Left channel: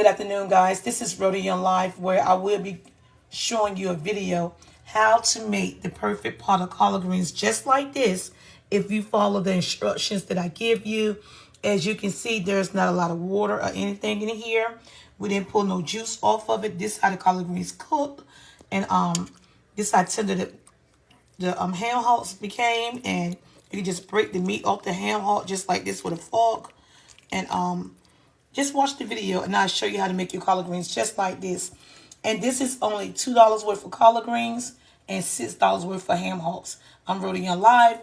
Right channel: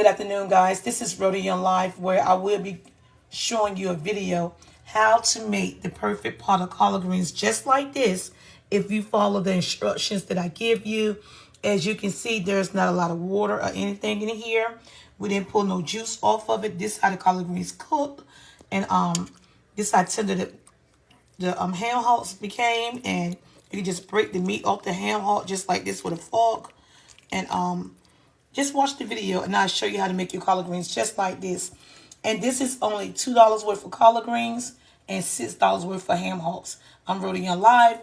Good afternoon, guys. This is Rhoda Young Live, where I will be showing you a video how to make the perfect pot of collard greens just like this if you follow the instructions that I give you. As you can see, there's not a lot of water or anything in here. We didn't pull no juice off of it. This is how the collard greens cook. And this is how tender the ham hocks became. And you can just break the meat off the ham hock just like this with a fork. And just watch the video and I'll show you how to make your collard greens just like this. And this is only $2 worth of collard greens and $6 worth of ham hocks. I'm Rhoda Young Live,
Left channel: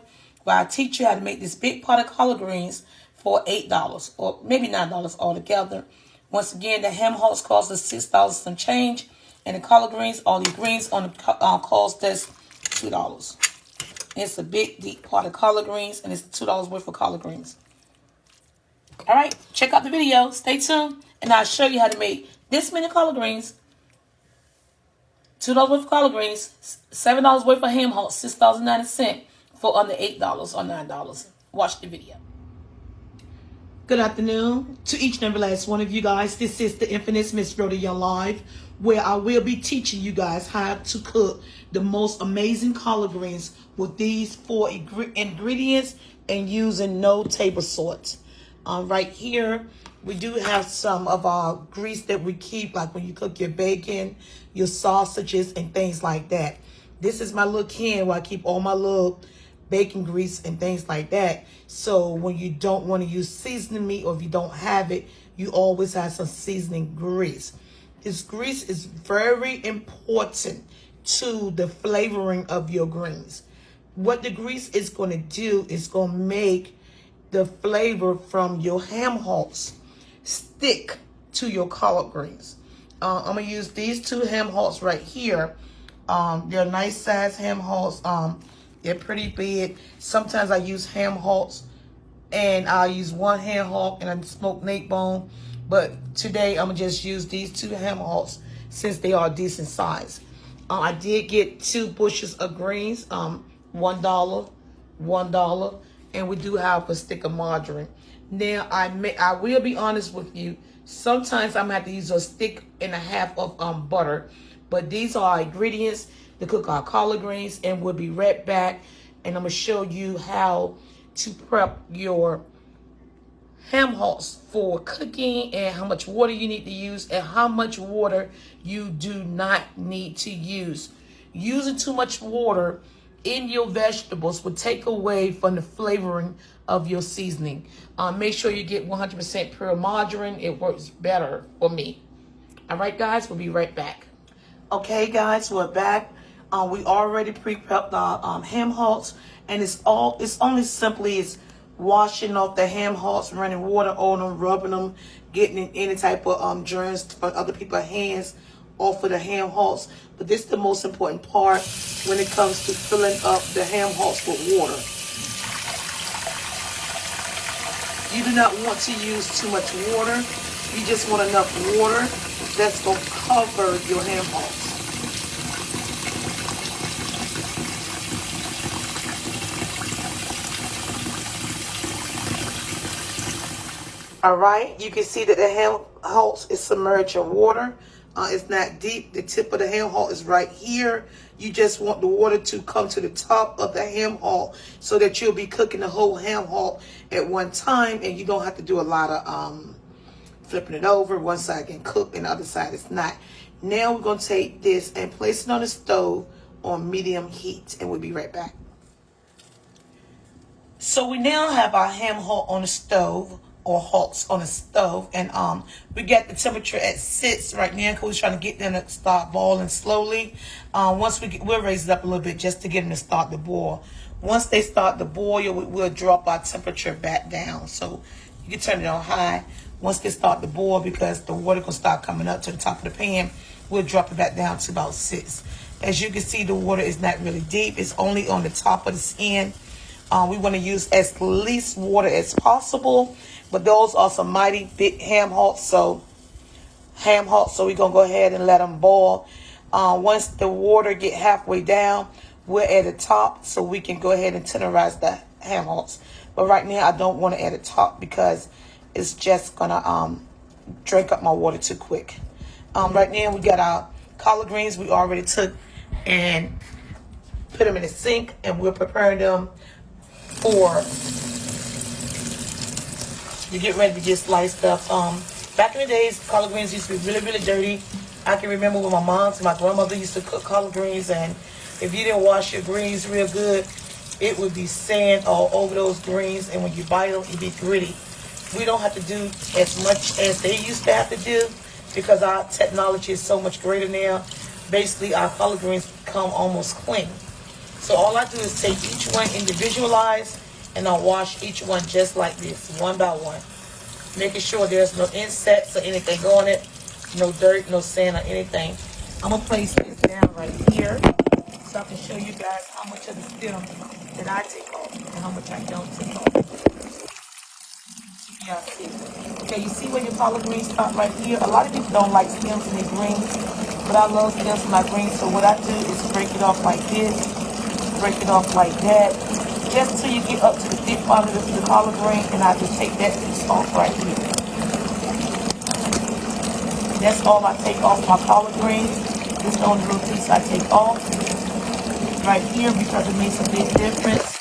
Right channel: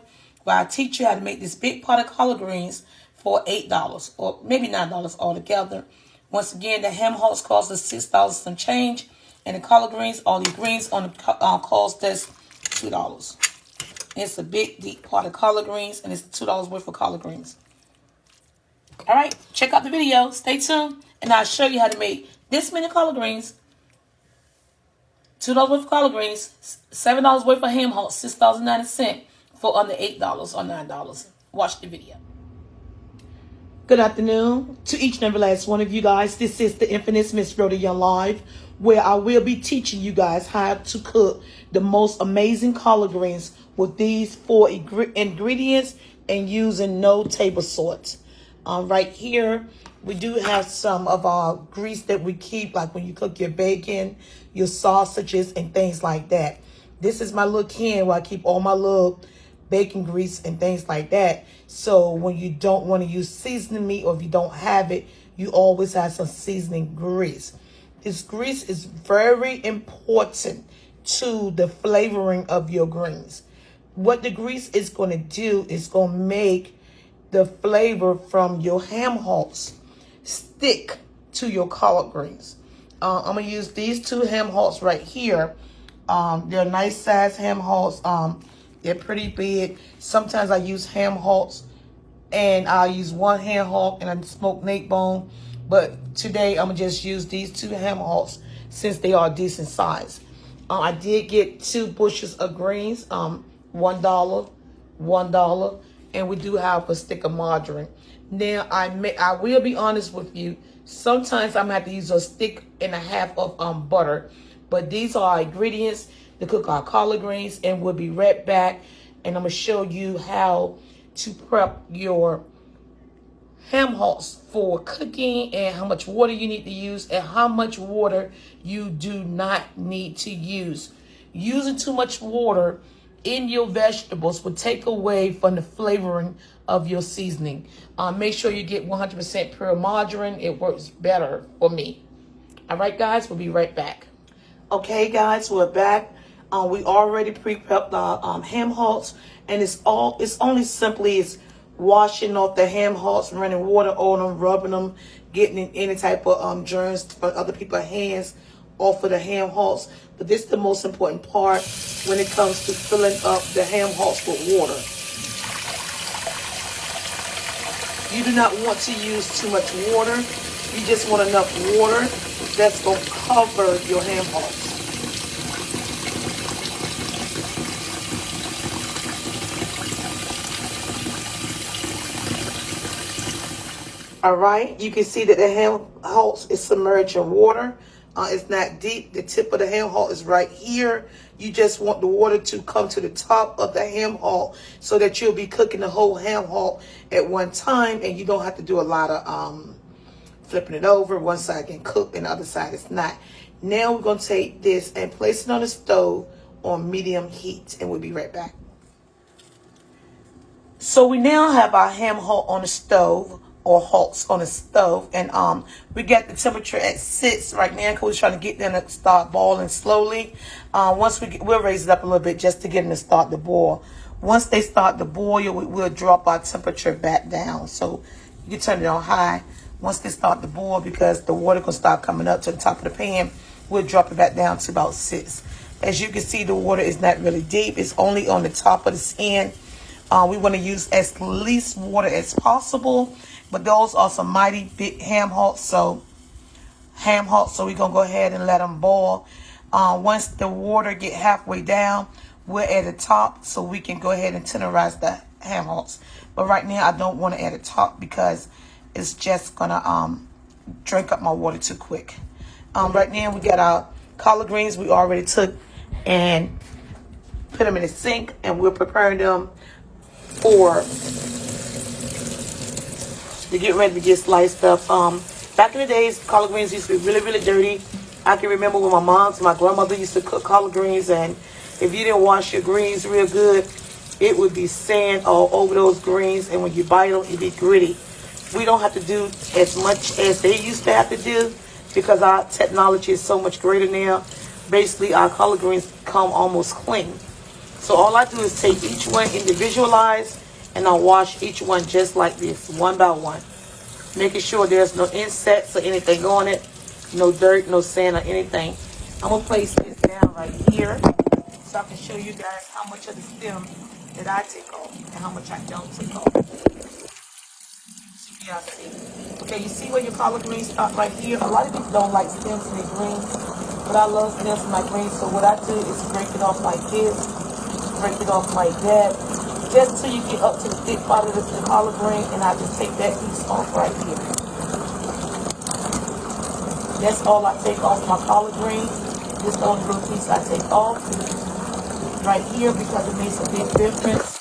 where I teach you how to make this big pot of collard greens for $8 or maybe $9 altogether. Once again, the ham hocks cost us $6 some change, and the collard greens, all the greens on the cost us $2. It's a big deep pot of collard greens, and it's $2 worth of collard greens. All right, check out the video. Stay tuned, and I'll show you how to make this many collard greens. $2 worth of collard greens, $7 worth of ham hocks, $6.90 for under $8 or $9. Watch the video. Good afternoon to each and every last one of you guys. This is the infamous Miss Rhoda Young Live, where I will be teaching you guys how to cook the most amazing collard greens with these 4 ingredients and using no table salt. Right here, we do have some of our grease that we keep, like when you cook your bacon, your sausages, and things like that. This is my little can where I keep all my little bacon grease and things like that. So when you don't want to use seasoning meat, or if you don't have it, you always have some seasoning grease. This grease is very important to the flavoring of your greens. What the grease is going to do is going to make the flavor from your ham hocks stick to your collard greens. I'm going to use these 2 ham hocks right here. They're nice size ham hocks. They're pretty big. Sometimes I use ham hocks and I'll use 1 ham hock and a smoked neck bone. But today I'm going to just use these 2 ham hocks since they are decent size. I did get 2 bushels of greens, $1, $1. And we do have a stick of margarine. Now, I will be honest with you. Sometimes I'm going to have to use a stick and a half of butter. But these are our ingredients to cook our collard greens. And we'll be right back. And I'm going to show you how to prep your ham hocks for cooking, and how much water you need to use, and how much water you do not need to use. Using too much water in your vegetables will take away from the flavoring of your seasoning. Make sure you get 100% pure margarine. It works better for me. All right, guys, we'll be right back. Okay, guys, we're back. We already pre-prepped our ham hocks, and it's only simply washing off the ham hocks, running water on them, rubbing them, getting any type of germs from other people's hands off of the ham hocks. But this is the most important part when it comes to filling up the ham hocks with water. You do not want to use too much water. You just want enough water that's going to cover your ham hocks. All right, you can see that the ham hocks is submerged in water. It's not deep. The tip of the ham hock is right here. You just want the water to come to the top of the ham hock so that you'll be cooking the whole ham hock at one time, and you don't have to do a lot of flipping it over. One side can cook and the other side is not. Now we're going to take this and place it on the stove on medium heat, and we'll be right back. So we now have our ham hock on the stove, or hocks on the stove, and we got the temperature at 6 right now because we're trying to get them to start boiling slowly. Once we'll raise it up a little bit just to get them to start to boil. Once they start to boil, we'll drop our temperature back down. So you can turn it on high once they start to boil, because the water gonna start coming up to the top of the pan. We'll drop it back down to about 6. As you can see, the water is not really deep. It's only on the top of the skin. We want to use as least water as possible. But those are some mighty big ham hocks, so we're going to go ahead and let them boil. Once the water get halfway down, we're at the top, so we can go ahead and tenderize the ham hocks. But right now, I don't want it at the top because it's just going to drink up my water too quick. Right now we got our collard greens we already took and put them in the sink, and we're preparing them to get ready to get sliced up. Back in the days, collard greens used to be really, really dirty. I can remember when my mom and my grandmother used to cook collard greens, and if you didn't wash your greens real good, it would be sand all over those greens, and when you bite them, it'd be gritty. We don't have to do as much as they used to have to do because our technology is so much greater now. Basically, our collard greens come almost clean. So all I do is take each one individualized, and I'll wash each one just like this, one by one. Making sure there's no insects or anything on it, no dirt, no sand or anything. I'm going to place this down right here so I can show you guys how much of the stem that I take off and how much I don't take off. Yeah, see. Okay, you see where your collard greens start right here? A lot of people don't like stems in their greens, but I love stems in my greens. So what I do is break it off like this, break it off like that, just till you get up to the thick part of the collard green, and I just take that piece off right here. That's all I take off my collard greens. This is the only little piece I take off right here because it makes a big difference.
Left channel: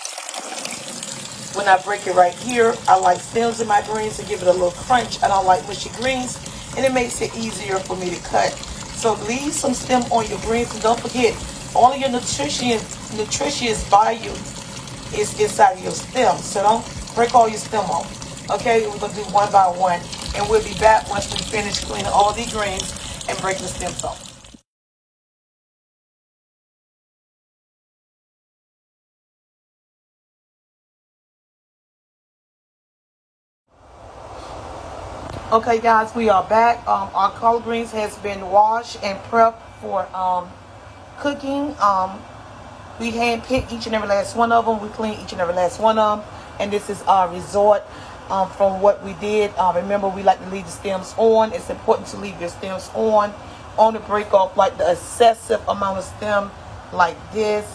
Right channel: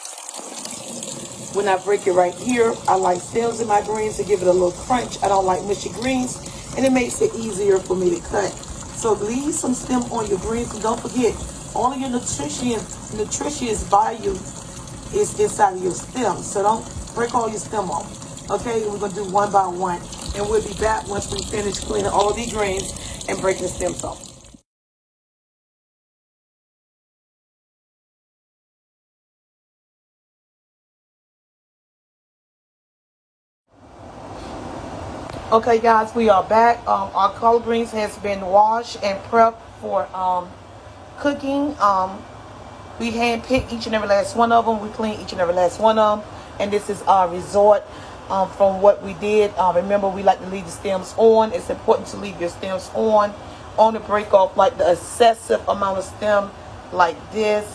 When I break it right here, I like stems in my greens to give it a little crunch. I don't like mushy greens, and it makes it easier for me to cut. So leave some stem on your greens, and don't forget, all of your nutritious value is inside of your stem. So don't break all your stem off. Okay, we're gonna do one by one, and we'll be back once we finish cleaning all these greens and breaking the stems off. Okay, guys, we are back. Our collard greens has been washed and prepped for cooking. We hand-picked each and every last one of them. We cleaned each and every last one of them. And this is our result from what we did. Remember, we like to leave the stems on. It's important to leave your stems on. Only break off like the excessive amount of stem like this.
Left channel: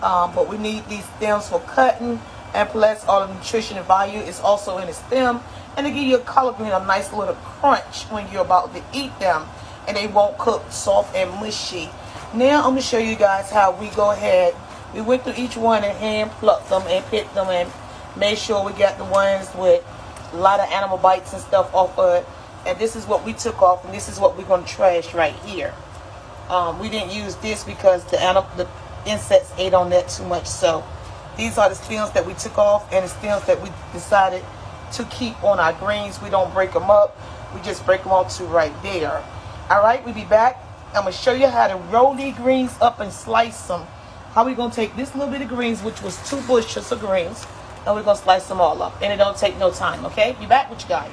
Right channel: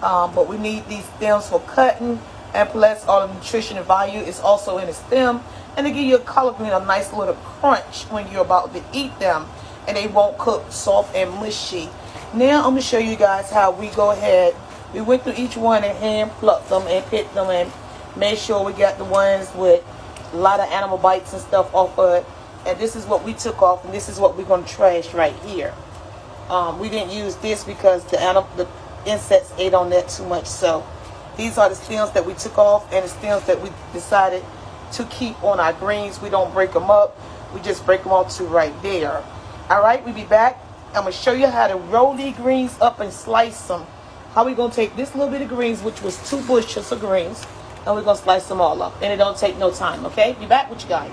But we need these stems for cutting. And plus, all the nutritional value is also in the stem. And to give your collard green a nice little crunch when you're about to eat them. And they won't cook soft and mushy. Now I'm going to show you guys how we go ahead. We went through each one and hand plucked them and picked them and made sure we got the ones with a lot of animal bites and stuff off of it. And this is what we took off, and this is what we're going to trash right here. We didn't use this because the insects ate on that too much. So these are the stems that we took off and the stems that we decided to keep on our greens. We don't break them up. We just break them off to right there. All right, we'll be back. I'm going to show you how to roll these greens up and slice them. How we going to take this little bit of greens, which was 2 bushels of greens, and we're going to slice them all up. And it don't take no time, okay? Be back with you guys.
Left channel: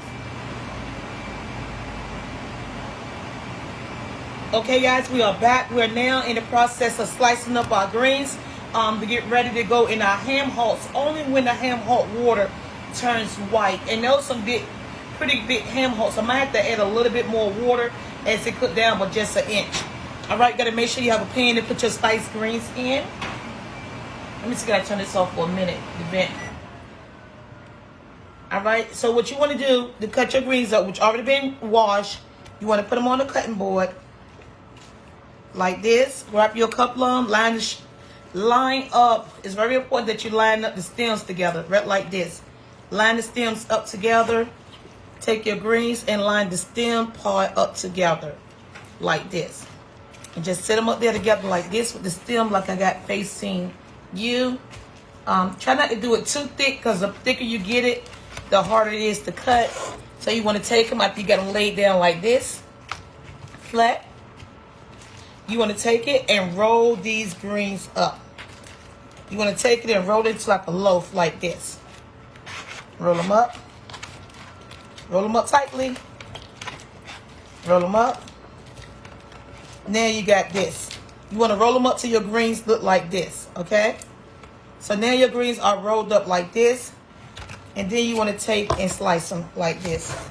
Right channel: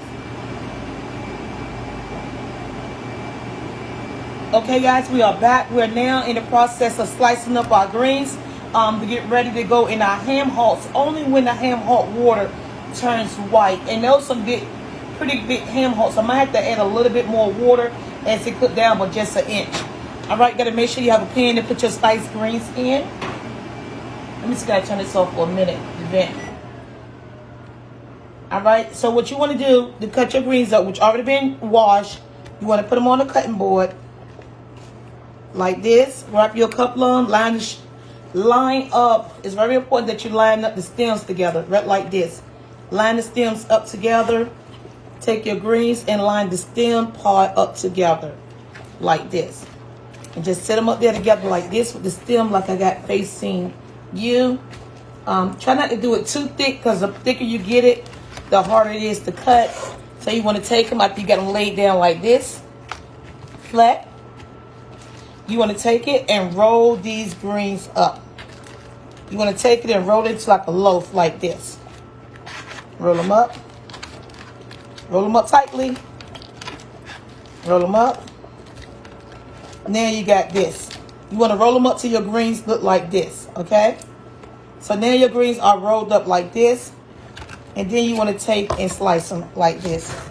Okay, guys, we are back. We're now in the process of slicing up our greens to get ready to go in our ham hocks. Only when the ham hock water turns white. And those some pretty big ham hocks. I might have to add a little bit more water as it cook down, but just an inch. All right, gotta make sure you have a pan to put your sliced greens in. Let me see, gotta turn this off for a minute. The vent. All right, so what you want to do to cut your greens up, which already been washed, you want to put them on a cutting board like this. Wrap your couple of them, line up. It's very important that you line up the stems together, right like this. Line the stems up together. Take your greens and line the stem part up together like this. And just set them up there together like this with the stem like I got facing you. Try not to do it too thick because the thicker you get it, the harder it is to cut. So you want to take them after you got them laid down like this, flat. You want to take it and roll these greens up. You want to take it and roll it like a loaf like this. Roll them up. Roll them up tightly. Roll them up. Now you got this. You want to roll them up till your greens look like this, okay? So now your greens are rolled up like this. And then you want to take and slice them like this.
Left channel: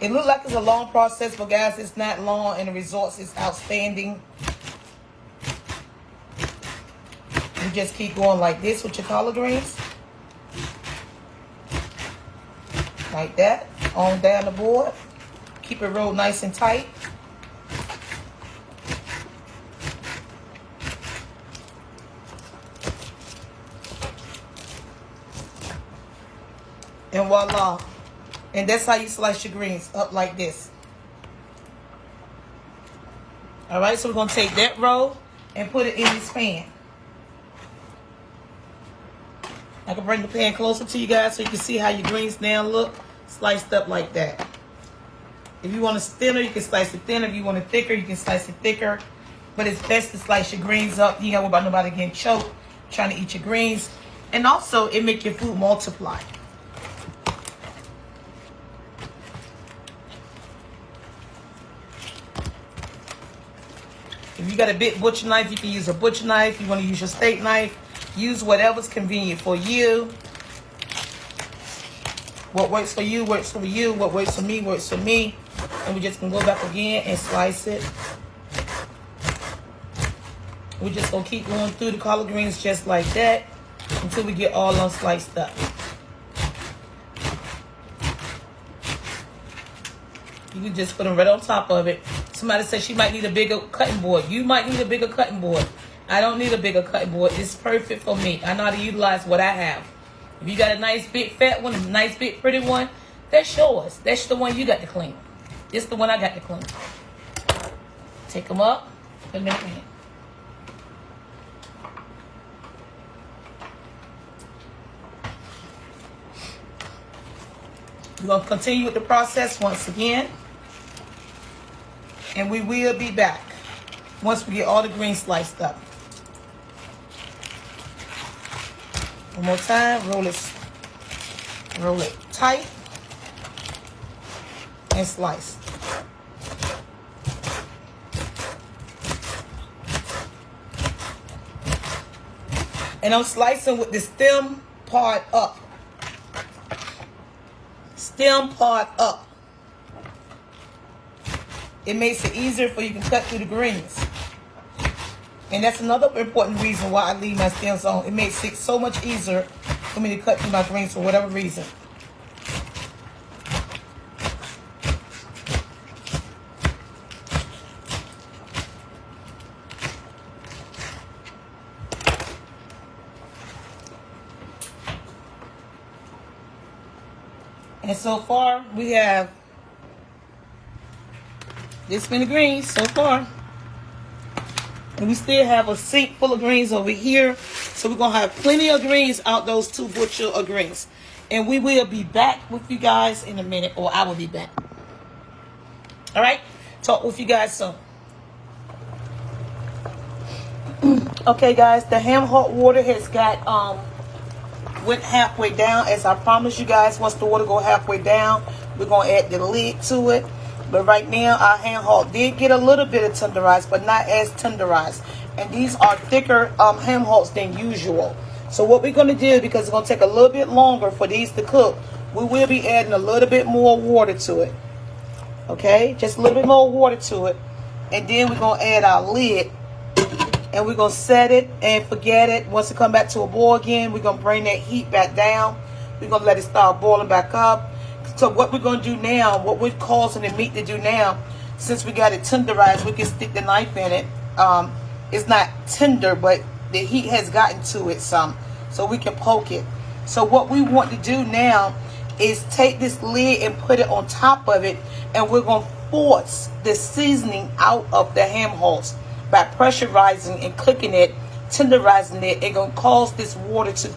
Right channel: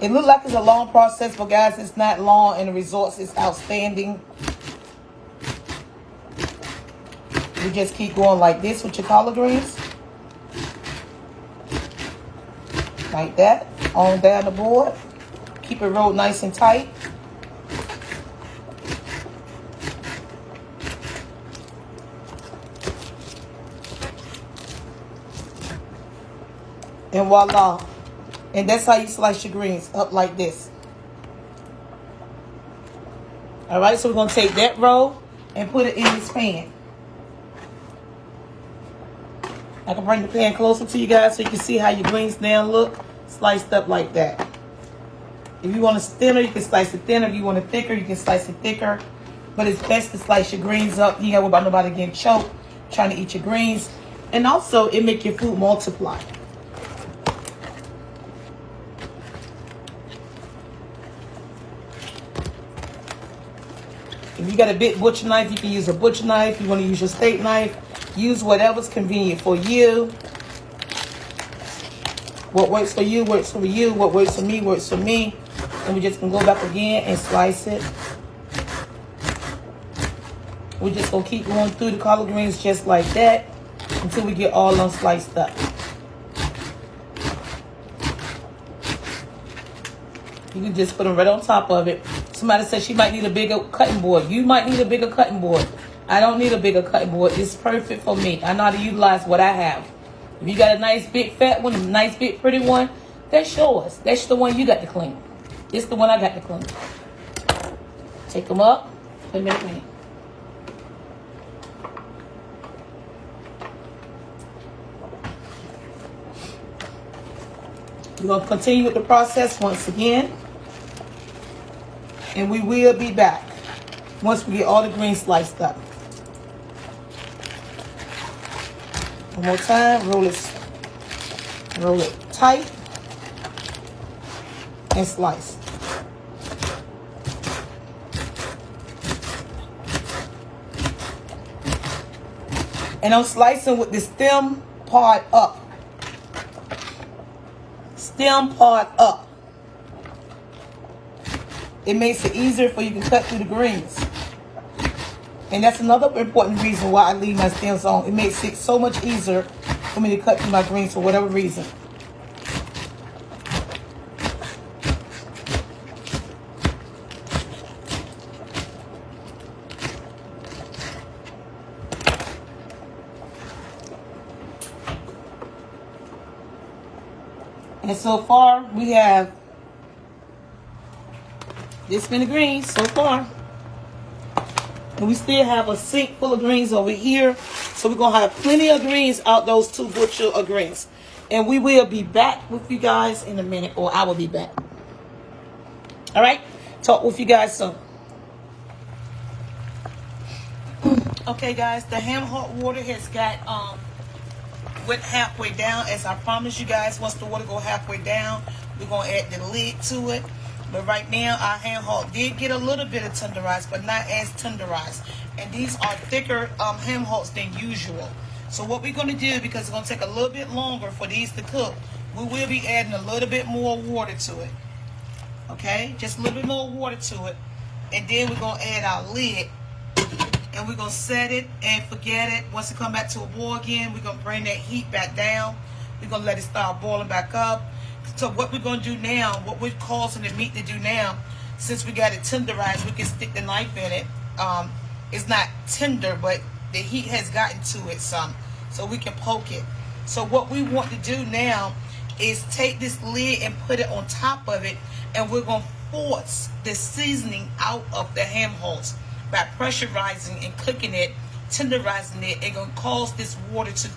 It looks like it's a long process, but guys, it's not long and the results is outstanding. You just keep going like this with your collard greens. Like that, on down the board. Keep it rolled nice and tight. And voila. And that's how you slice your greens, up like this. Alright, so we're going to take that roll and put it in this pan. I can bring the pan closer to you guys so you can see how your greens now look, sliced up like that. If you want it thinner, you can slice it thinner. If you want it thicker, you can slice it thicker. But it's best to slice your greens up. You know, about nobody getting choked, trying to eat your greens. And also, it make your food multiply. If you got a big butcher knife, you can use a butcher knife. You want to use your steak knife, use whatever's convenient for you. What works for you, works for you. What works for me, works for me. And we're just going to go back again and slice it. We're just going to keep going through the collard greens just like that until we get all of them sliced up. You can just put them right on top of it. Somebody said she might need a bigger cutting board. You might need a bigger cutting board. I don't need a bigger cutting board. It's perfect for me. I know how to utilize what I have. If you got a nice big fat one, a nice big pretty one, that's yours. That's the one you got to clean. It's the one I got to clean. Take them up. Put them in the pan. We're going to continue with the process once again. And we will be back once we get all the greens sliced up. One more time, roll it tight and slice. And I'm slicing with the stem part up. Stem part up. It makes it easier for you to cut through the greens. And that's another important reason why I leave my stems on. It makes it so much easier for me to cut through my greens for whatever reason. And so far, we have this many greens so far. And we still have a sink full of greens over here. So we're going to have plenty of greens out those 2 bushels of greens. And we will be back with you guys in a minute, or I will be back. All right? Talk with you guys soon. Okay, guys, the ham hot water has got went halfway down. As I promised you guys, once the water go halfway down, we're going to add the lid to it. But right now, our ham hock did get a little bit of tenderized, but not as tenderized. And these are thicker ham hocks than usual. So what we're going to do, because it's going to take a little bit longer for these to cook, we will be adding a little bit more water to it. Okay? Just a little bit more water to it. And then we're going to add our lid. And we're going to set it and forget it. Once it come back to a boil again, we're going to bring that heat back down. We're going to let it start boiling back up. So what we're going to do now, what we're causing the meat to do now, since we got it tenderized, we can stick the knife in it. It's not tender, but the heat has gotten to it some, so we can poke it. So what we want to do now is take this lid and put it on top of it, and we're going to force the seasoning out of the ham hocks by pressurizing and clicking it, tenderizing it. It's going to cause this water to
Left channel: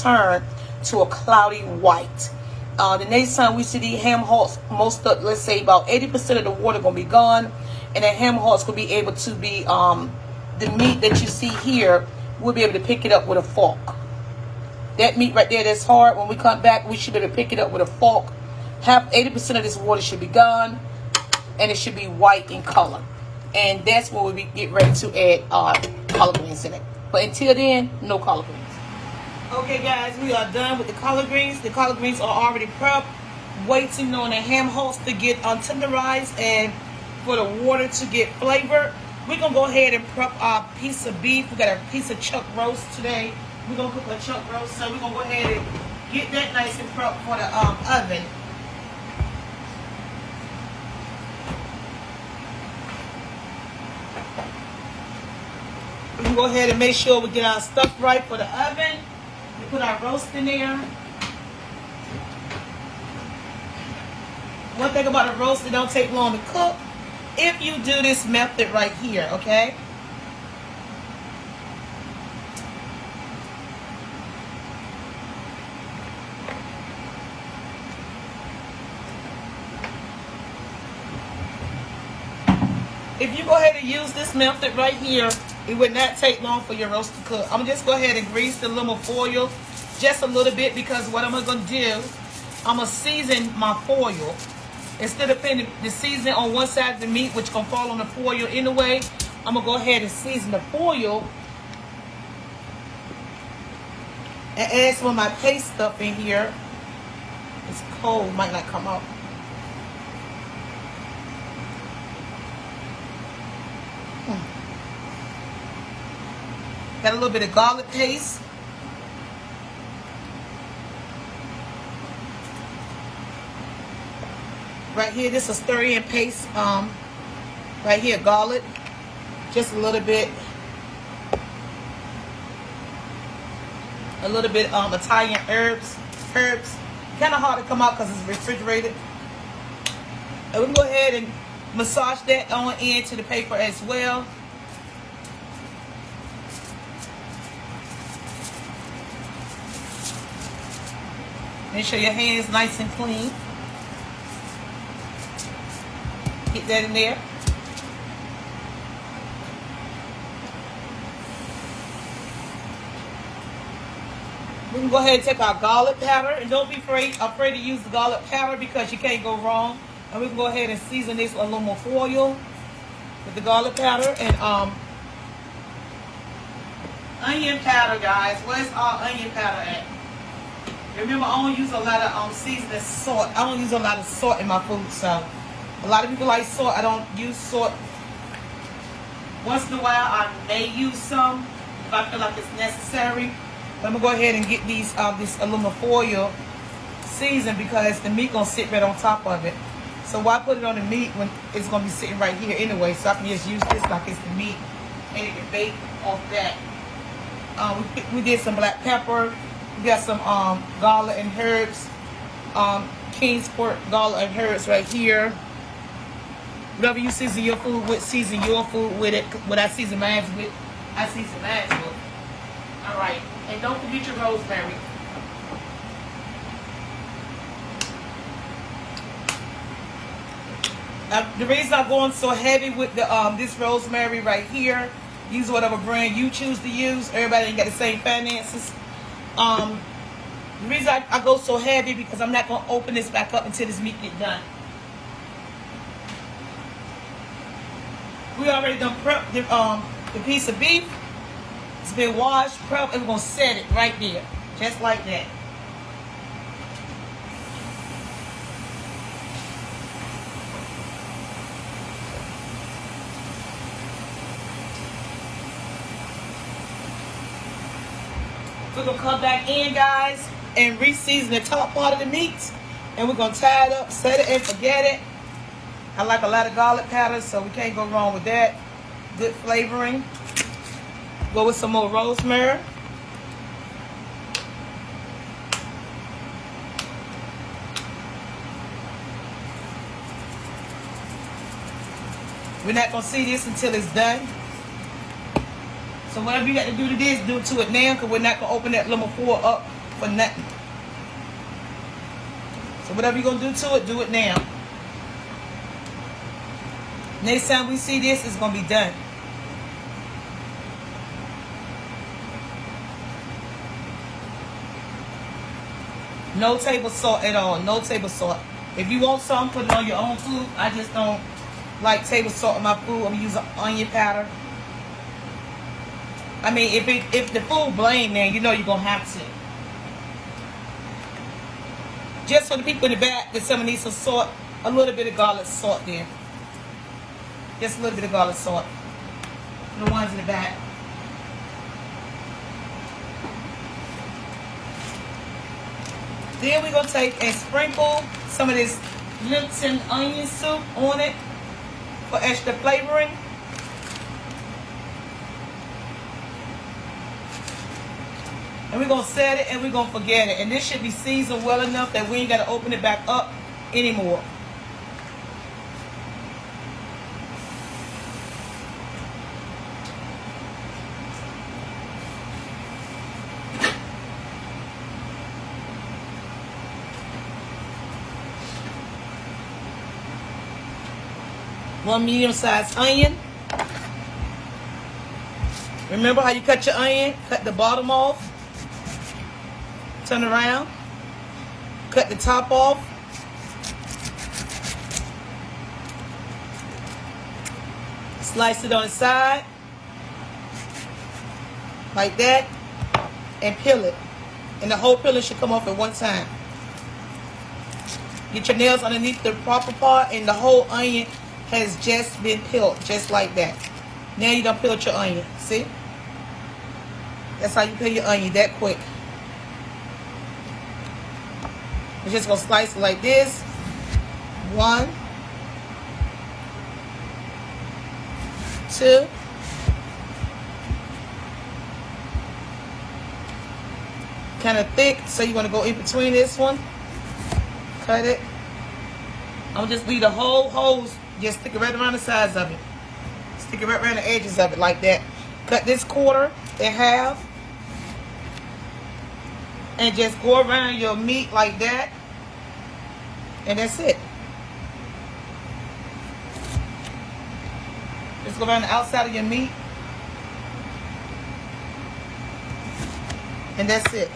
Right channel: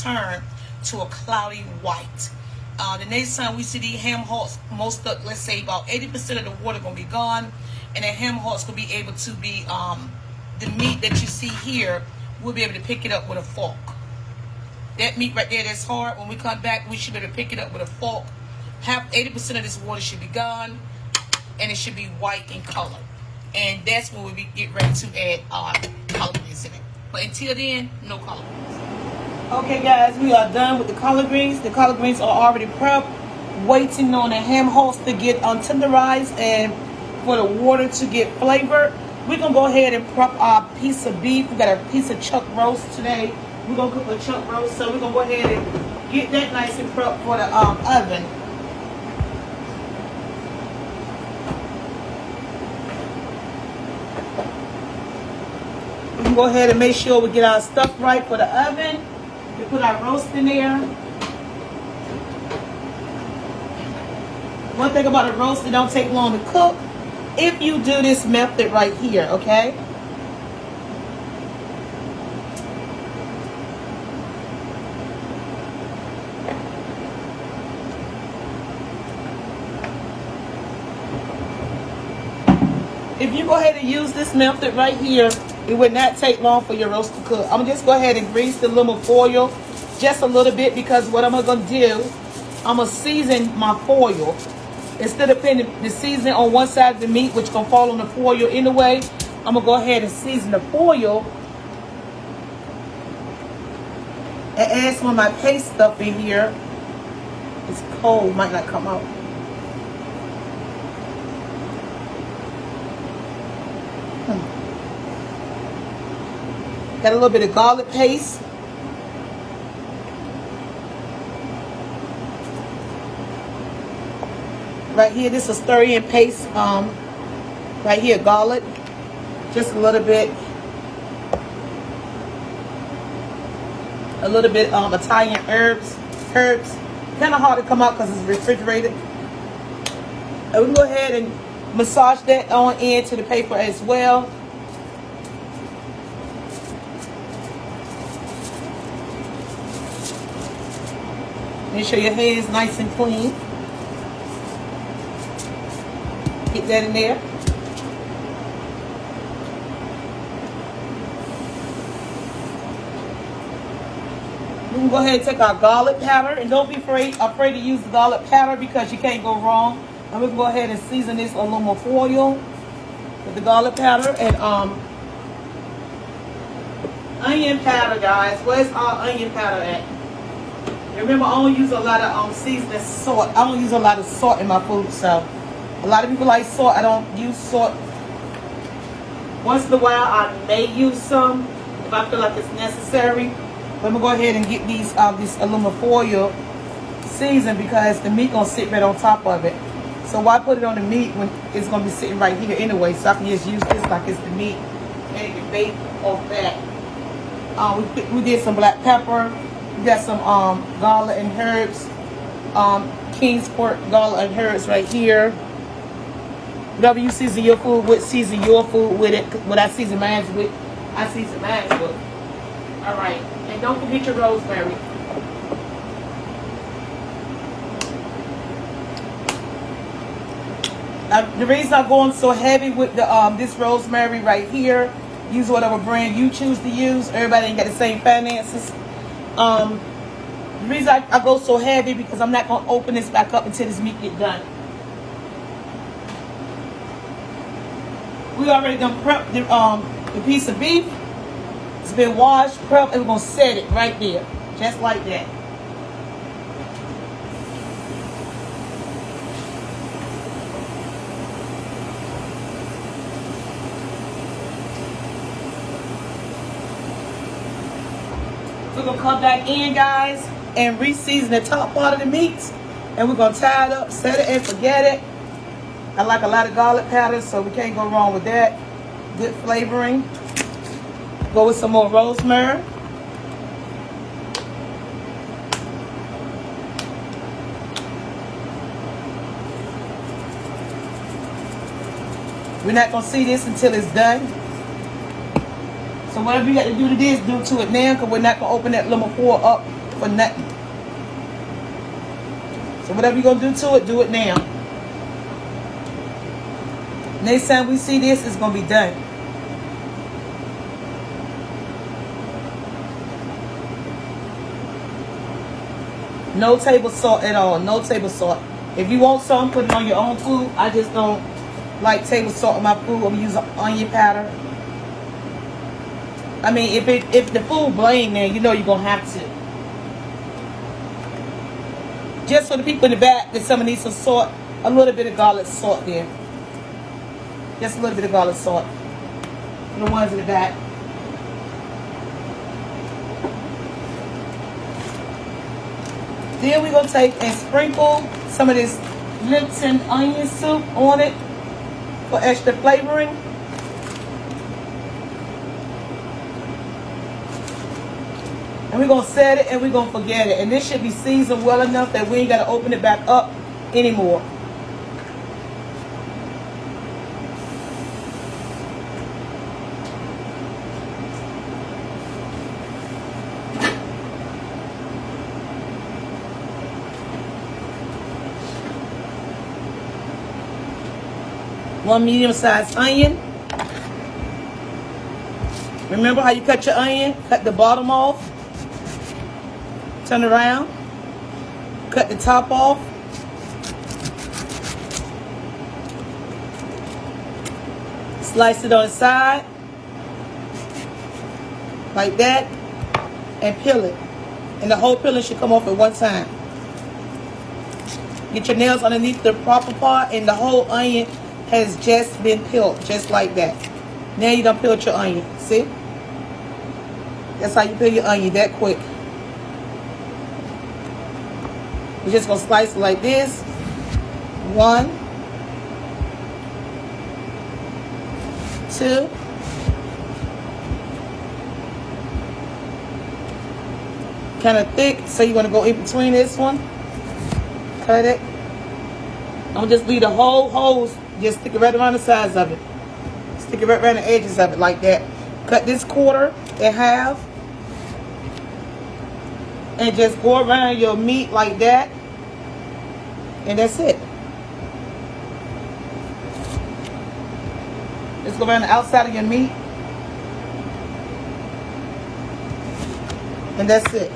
turn to a cloudy white. The next time we see these ham hocks, most of, let's say about 80% of the water gonna be gone, and then ham hocks will be able to be, the meat that you see here, we'll be able to pick it up with a fork. That meat right there that's hard, when we come back, we should be able to pick it up with a fork. 80% of this water should be gone, and it should be white in color. And that's when we get ready to add collard greens in it. But until then, no collard greens. Okay, guys, we are done with the collard greens. The collard greens are already prepped, waiting on the ham hocks to get tenderized and for the water to get flavored. We're going to go ahead and prep our piece of beef. We got a piece of chuck roast today. We're going to cook a chuck roast. So we're going to go ahead and get that nice and prepped for the oven. We can go ahead and make sure we get our stuff right for the oven. We put our roast in there. One thing about a roast, it don't take long to cook if you do this method right here, okay? If you go ahead and use this method right here, it would not take long for your roast to cook. I'm gonna just go ahead and grease the aluminum foil just a little bit, because what I'm gonna do, I'm gonna season my foil. Instead of putting the seasoning on one side of the meat, which gonna fall on the foil anyway, I'm gonna go ahead and season the foil and add some of my paste stuff in here. It's cold, might not come out. Got a little bit of garlic paste. Right here, this is stir-in paste. Right here, garlic. Just a little bit. A little bit Italian herbs. Kind of hard to come out because it's refrigerated. And we can go ahead and massage that on into the paper as well. Make sure your hand is nice and clean. Get that in there. We can go ahead and take our garlic powder, and don't be afraid to use the garlic powder, because you can't go wrong. And we can go ahead and season this aluminum foil with the garlic powder and onion powder, guys. Where's our onion powder at? Remember, I don't use a lot of seasoning salt. I don't use a lot of salt in my food, so a lot of people like salt. I don't use salt. Once in a while, I may use some if I feel like it's necessary. But I'm gonna go ahead and get these this aluminum foil seasoned, because the meat gonna sit right on top of it. So why put it on the meat when it's gonna be sitting right here anyway? So I can just use this like it's the meat, and it can bake off that. We did some black pepper. We got some garlic and herbs, King's Court garlic and herbs right here. Whatever you season your food with, season your food with it. What I season mine with, I season mine with. All right, and don't forget your rosemary. The reason I'm going so heavy with the this rosemary right here, use whatever brand you choose to use. Everybody ain't got the same finances. The reason I go so heavy, because I'm not going to open this back up until this meat get done. We already done prep the piece of beef. It's been washed, prepped, and we're going to set it right there, just like that. We're going to come back in, guys, and re-season the top part of the meat. And we're going to tie it up, set it, and forget it. I like a lot of garlic powder, so we can't go wrong with that. Good flavoring. Go with some more rosemary. We're not going to see this until it's done. So whatever you got to do to this, do it to it now, because we're not going to open that lemon foil up for nothing. So whatever you're going to do it now. Next time we see this, it's going to be done. No table salt at all. No table salt. If you want some, put it on your own food. I just don't like table salt on my food. I'm going to use onion powder. I mean, if the food bland there, you know you're going to have to. Just for the people in the back that some need some salt, a little bit of garlic salt there. Just a little bit of garlic salt. the ones in the back. Then we're going to take and sprinkle some of this Lipton onion soup on it for extra flavoring. And we're going to set it and we're going to forget it. And this should be seasoned well enough that we ain't got to open it back up anymore. One medium-sized onion. Remember how you cut your onion? Cut the bottom off. Turn around. Cut the top off. Slice it on the side. Like that. And peel it. And the whole peeling should come off at one time. Get your nails underneath the proper part and the whole onion has just been peeled, just like that. Now you done peeled your onion, see? That's how you peel your onion, that quick. You're just gonna slice it like this. 1, 2. Kind of thick, so you're gonna go in between this one. Cut it. Don't just leave the whole hose. Just stick it right around the sides of it. Stick it right around the edges of it like that. Cut this quarter in half. And just go around your meat like that. And that's it. Just go around the outside of your meat. And that's it.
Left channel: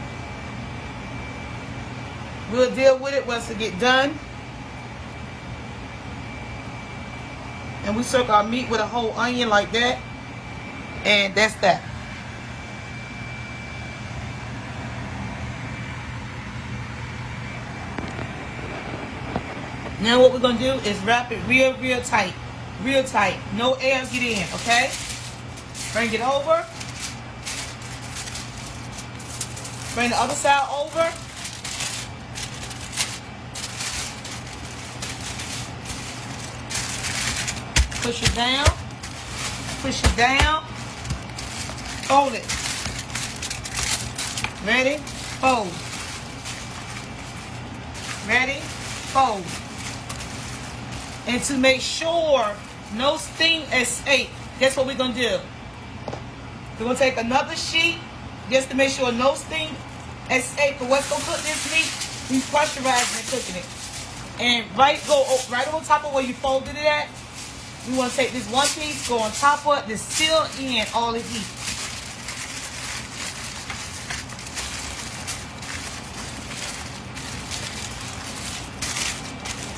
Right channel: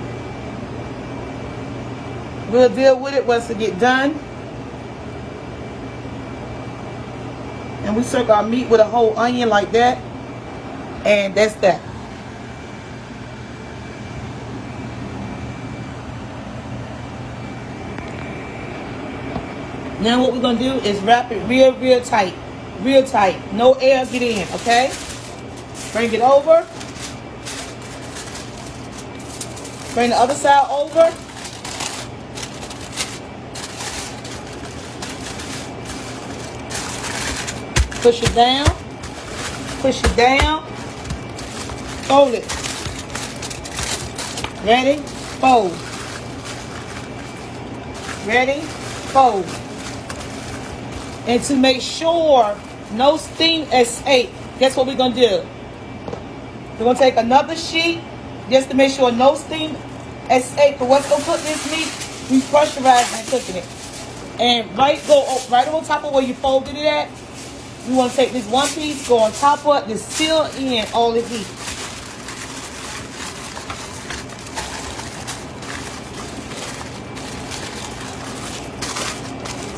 We'll deal with it once it get done. And we circle our meat with a whole onion like that. And that's that. Now what we're going to do is wrap it real, real tight. Real tight. No air get in, okay? Bring it over. Bring the other side over. Push it down. Push it down. Fold it. Ready? Fold. Ready? Fold. And to make sure no steam escape, that's what we're going to do. We're going to take another sheet just to make sure no steam escape. But what's going to cook this meat? We pressurize and cooking it. And right on top of where you folded it at, we want to take this one piece, go on top of it, to seal in all the heat.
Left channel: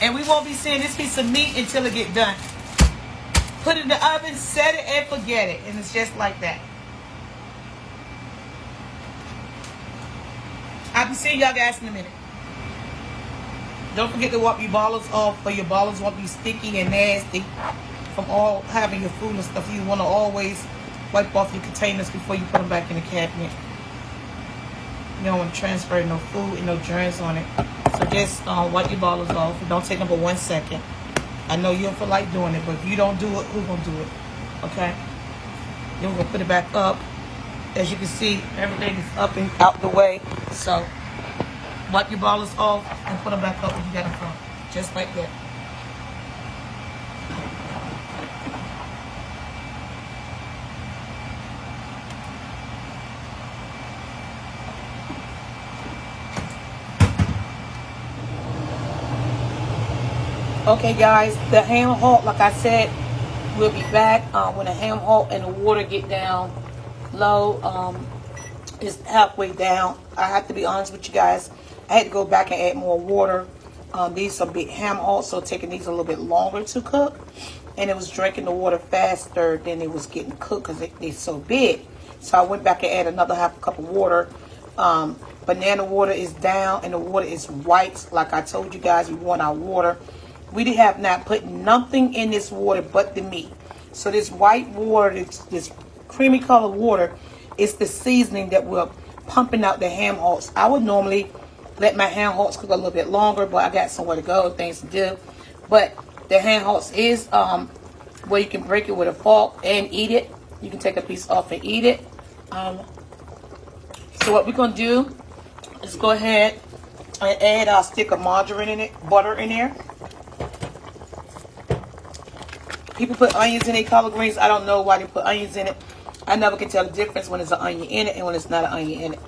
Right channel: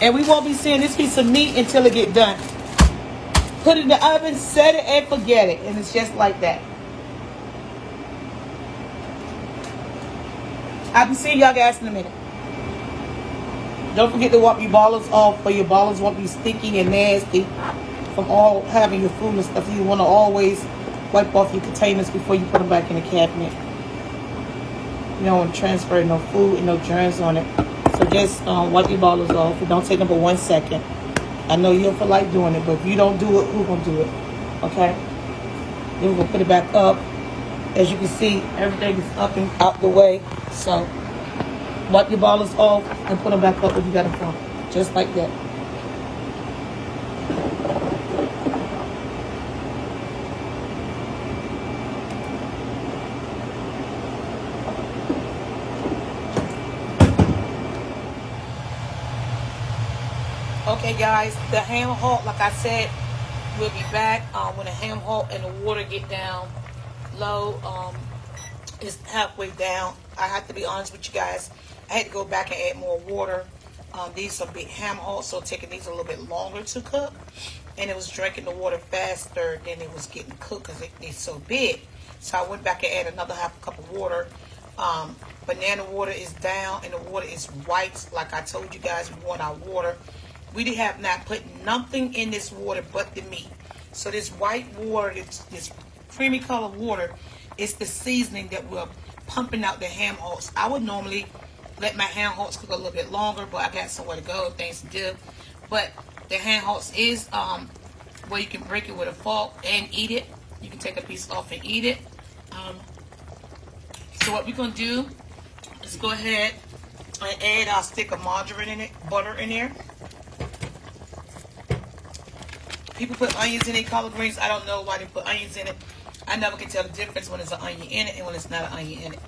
And we won't be seeing this piece of meat until it get done. Put it in the oven, set it, and forget it. And it's just like that. I'll be seeing y'all guys in a minute. Don't forget to wipe your ballers off, or your ballers won't be sticky and nasty from all having your food and stuff. You want to always wipe off your containers before you put them back in the cabinet. You don't want to transfer no food and no germs on it. So just wipe your ballers off. It don't take them but 1 second. I know you don't feel like doing it, but if you don't do it, who's going to do it? Okay? Then we're going to put it back up. As you can see, everything is up and out the way. So wipe your ballers off and put them back up where you got them from. Just like that. Okay guys, the ham hock, like I said, we'll be back when the ham hock and the water get down low. It's halfway down. I have to be honest with you guys, I had to go back and add more water. These are big ham hocks, so taking these a little bit longer to cook. And it was drinking the water faster than it was getting cooked because it's so big. So I went back and added another half a cup of water. Banana water is down and the water is white. Like I told you guys, we want our water. We have not put nothing in this water but the meat. So this white water, this creamy color water, is the seasoning that we're pumping out the ham hocks. I would normally let my ham hocks cook a little bit longer, but I got somewhere to go, things to do. But the ham hocks is where you can break it with a fork and eat it. You can take a piece off and eat it. So what we're gonna do is go ahead and add our stick of margarine in it, butter in there. People put onions in their collard greens. I don't know why they put onions in it. I never can tell the difference when there's an onion in it and when it's not an onion in it.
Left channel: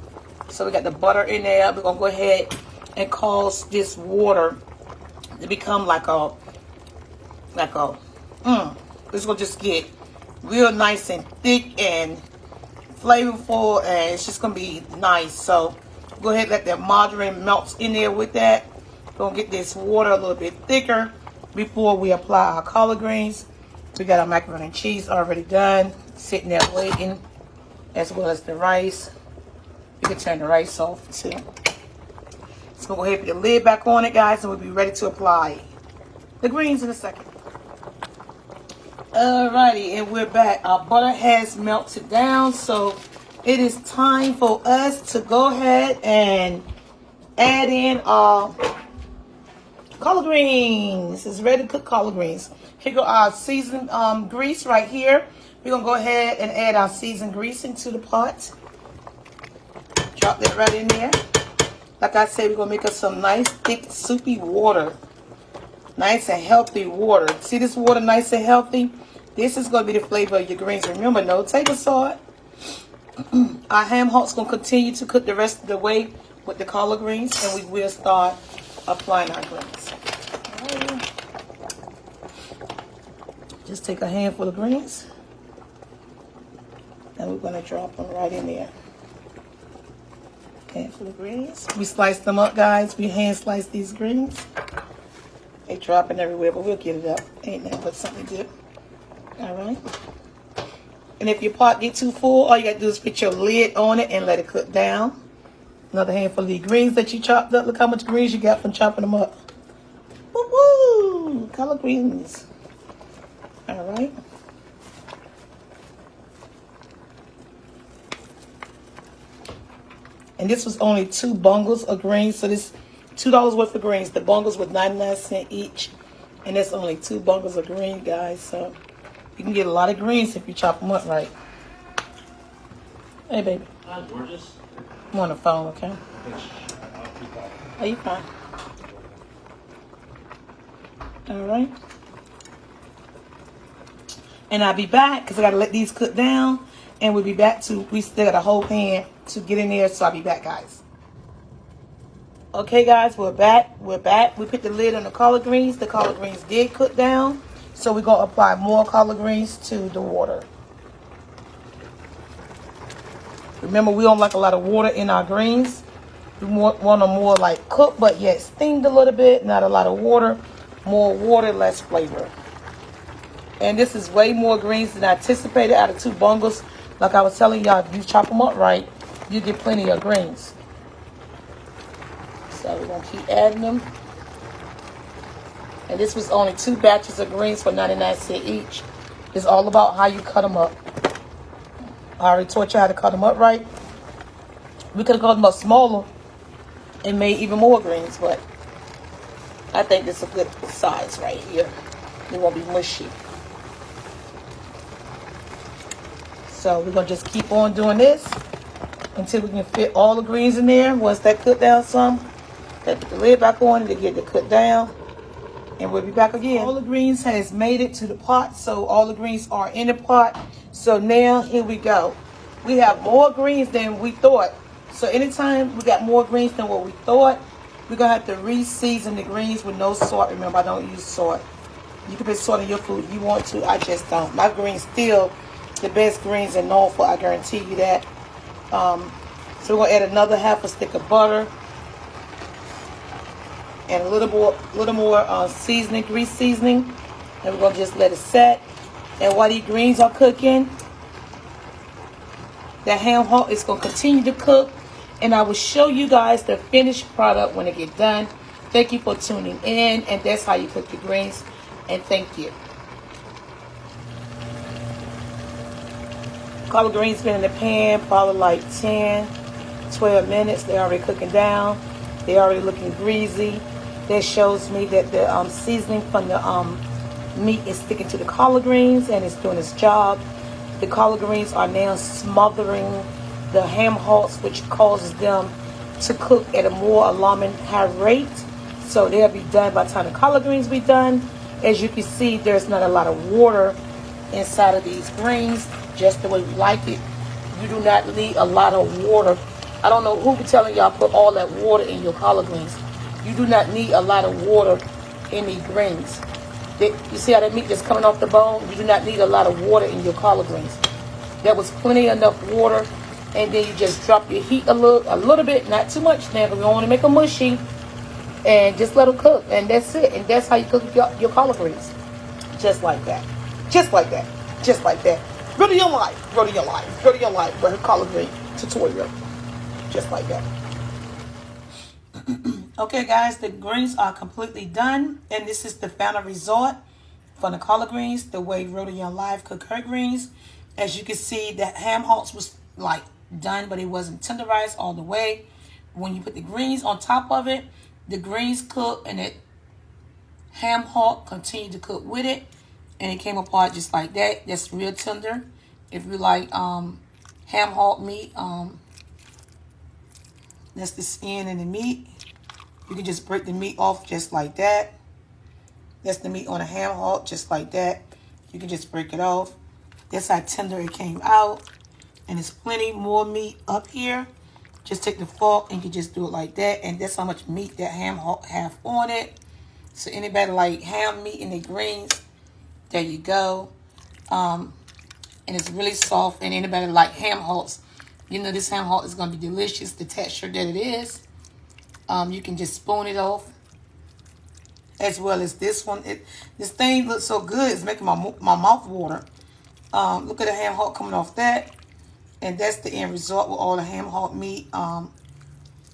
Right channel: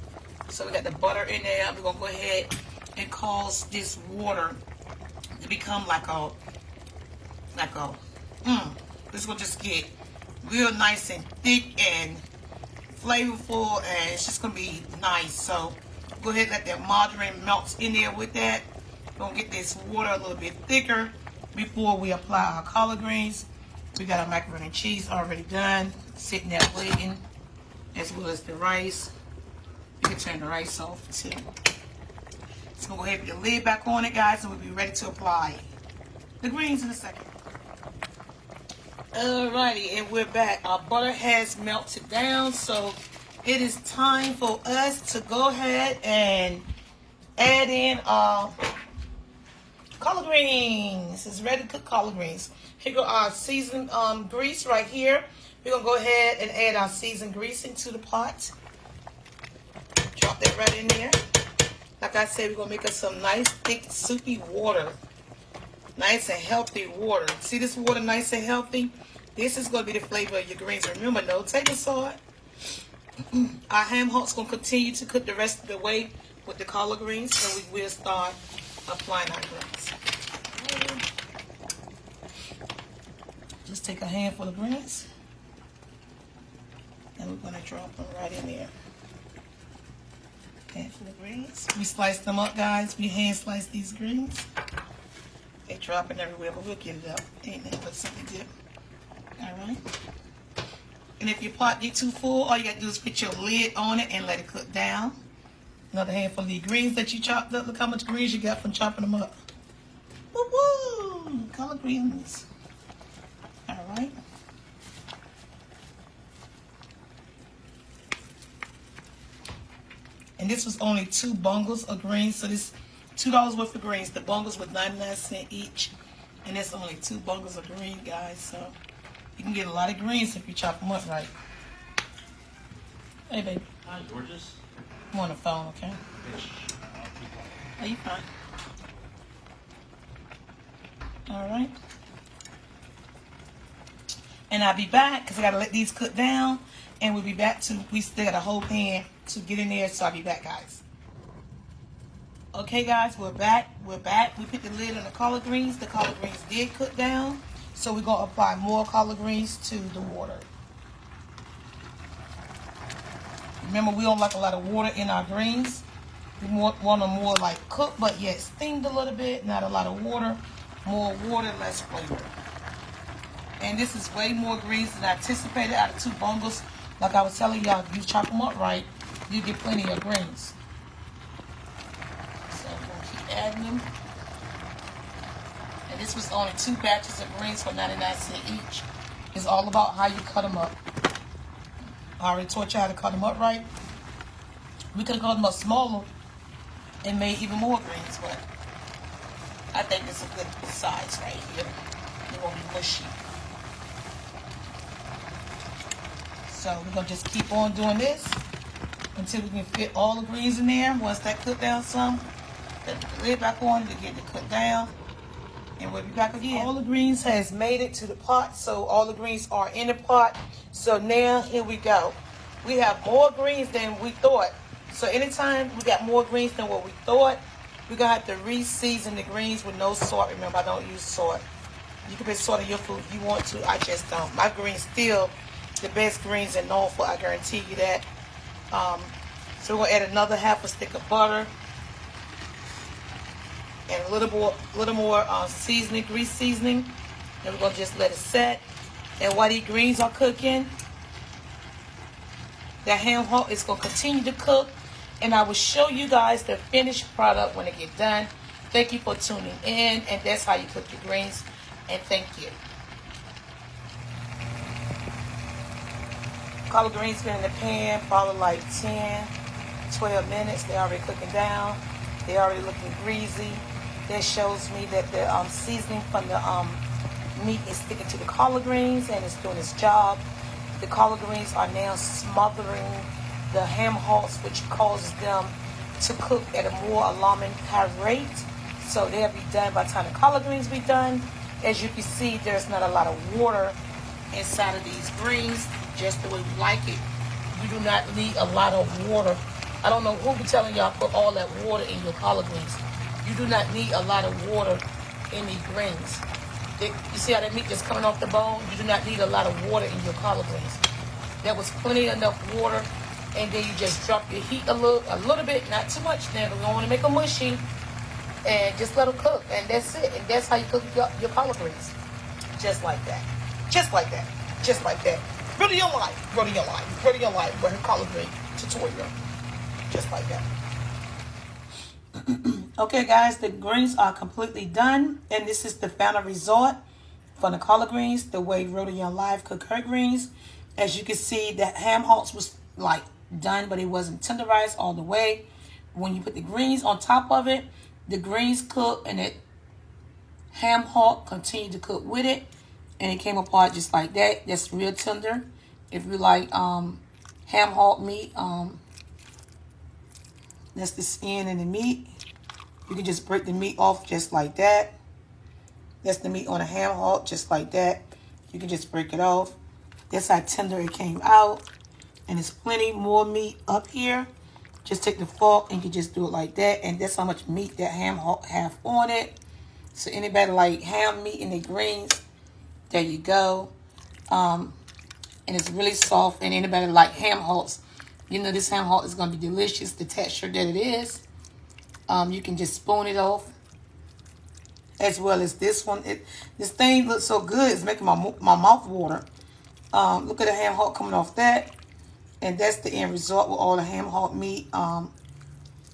So we got the butter in there. We're gonna go ahead and cause this water to become like a, this will just get real nice and thick and flavorful, and it's just gonna be nice. So go ahead and let that margarine melt in there with that. We're gonna get this water a little bit thicker before we apply our collard greens. We got our macaroni and cheese already done, sitting there waiting, as well as the rice. You can turn the rice off too. So go ahead and put the lid back on it, guys, and we'll be ready to apply the greens in a second. Alrighty, and we're back. Our butter has melted down, so it is time for us to go ahead and add in our collard greens. It's ready to cook collard greens. Here go our seasoned grease right here. We're gonna go ahead and add our seasoned grease into the pot. Drop that right in there. Like I said, we're gonna make us some nice, thick, soupy water. Nice and healthy water. See this water, nice and healthy? This is gonna be the flavor of your greens. Remember, no table salt. Our ham hocks gonna continue to cook the rest of the way with the collard greens, and we will start applying our greens. Just take a handful of greens, and we're gonna drop them right in there. Handful of greens. We slice them up, guys. We hand slice these greens. They dropping everywhere, but we'll get it up. Ain't nothing but something to do. All right. And if your pot get too full, all you got to do is put your lid on it and let it cook down. Another handful of the greens that you chopped up. Look how much greens you got from chopping them up. Woo-woo! Collard greens. All right. And this was only 2 bungles of greens. So this $2 worth of greens. The bungles was 99 cents each. And that's only 2 bungles of green, guys. So you can get a lot of greens if you chop them up right. Hey, baby. Hi, gorgeous. I'm on the phone, okay? Are you fine? All right. And I'll be back because I got to let these cook down. And we'll be back to, we still got a whole pan to get in there. So I'll be back, guys. Okay, guys, we're back. We're back. We put the lid on the collard greens. The collard greens did cook down. So we're going to apply more collard greens to the water. Remember, we don't like a lot of water in our greens. We want them more like cooked, but yet steamed a little bit. Not a lot of water. More water, less flavor. And this is way more greens than I anticipated out of 2 bungles. Like I was telling y'all, if you chop them up right, you get plenty of greens. So we're going to keep adding them. And this was only 2 batches of greens for 99 cents each. It's all about how you cut them up. I already taught you how to cut them up right. We could have cut them up smaller and made even more greens, but I think this is a good size right here. It won't be mushy. So we're going to just keep on doing this until we can fit all the greens in there. Once that cook down some, put the lid back on it to get it cooked down. And we'll be back again. All the greens has made it to the pot, so all the greens are in the pot. So now, here we go. We have more greens than we thought. So anytime we got more greens than what we thought, we're going to have to re-season the greens with no salt. Remember, I don't use salt. You can put salt in your food if you want to. I just don't. My greens still the best greens in Norfolk, I guarantee you that. So we're going to add another half a stick of butter. And a little more seasoning, grease seasoning. And we're going to just let it set. And while these greens are cooking, the ham hock is going to continue to cook. And I will show you guys the finished product when it gets done. Thank you for tuning in. And that's how you cook your greens. And thank you. Collard greens been in the pan probably like 10, 12 minutes. They're already cooking down. They're already looking greasy. That shows me that the seasoning from the meat is sticking to the collard greens and it's doing its job. The collard greens are now smothering the ham hocks, which causes them to cook at a more alarming high rate. So they'll be done by the time the collard greens be done. As you can see, there's not a lot of water inside of these greens, just the way we like it. You do not need a lot of water. I don't know who be telling y'all put all that water in your collard greens. You do not need a lot of water in these greens. You see how that meat is coming off the bone? You do not need a lot of water in your collard greens. There was plenty enough water, and then you just drop your heat a little bit, not too much now, because we don't want to make them mushy, and just let them cook, and that's it. And that's how you cook your collard greens, just like that, just like that, just like that. Rhoda Young Life, Rhoda Young Life, Rhoda Young Life, with her collard green tutorial, just like that. Okay, guys, the greens are completely done, and this is the final result for the collard greens, the way Rhoda Young Live cook her greens. As you can see, the ham hocks was like done, but it wasn't tenderized all the way. When you put the greens on top of it, the greens cook and the ham hock continued to cook with it, and it came apart just like that. That's real tender. If you like ham hock meat, that's the skin and the meat. You can just break the meat off just like that. That's the meat on a ham hock, just like that. You can just break it off. That's how tender it came out. And there's plenty more meat up here. Just take the fork and you just do it like that. And that's how much meat that ham hock have on it. So anybody like ham meat in the greens, there you go. And it's really soft. And anybody like ham hocks, you know this ham hock is going to be delicious. The texture that it is. You can just spoon it off, as well as this one. This thing looks so good, it's making my mouth water. Look at the ham hock coming off that, and that's the end result with all the ham hock meat. And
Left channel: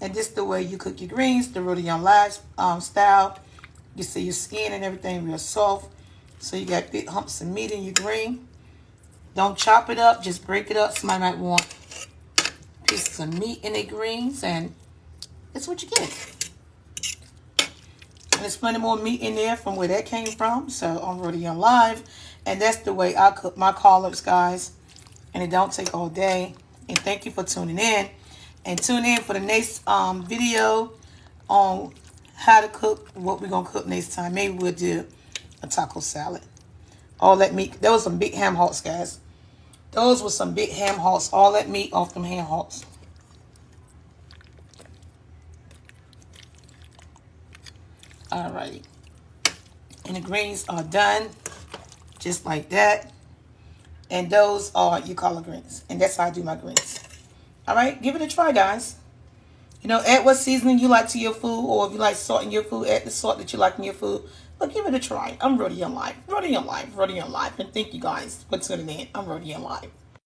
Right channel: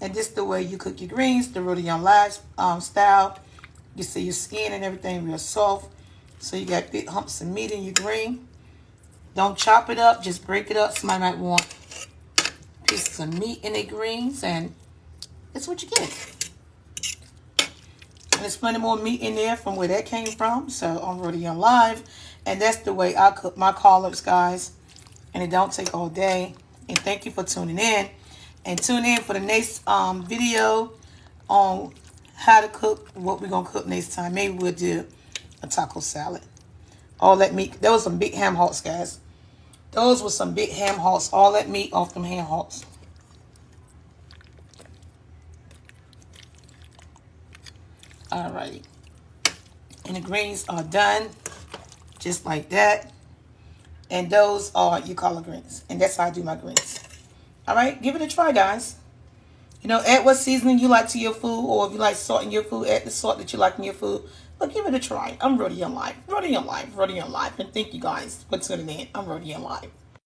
this is the way you cook your greens, the Rhoda Young Live style. You see your skin and everything real soft, so you got big humps of meat in your green. Don't chop it up, just break it up. Somebody might want pieces of meat in their greens, and that's what you get. And there's plenty more meat in there from where that came from. So on Rhoda Young Live. And that's the way I cook my collards, guys. And it don't take all day. And thank you for tuning in. And tune in for the next video on how to cook, what we're going to cook next time. Maybe we'll do a taco salad. All that meat. There was some big ham hocks, guys. Those were some big ham hocks. All that meat off them ham hocks. Alrighty, and the greens are done just like that, and those are your collard greens, and that's how I do my greens. All right, give it a try, guys. You know, add what seasoning you like to your food, or if you like salt in your food, add the salt that you like in your food, but give it a try. I'm Rhoda Young Live, Rhoda Young Live, Rhoda Young Live, and thank you guys for tuning in. I'm Rhoda Young Live.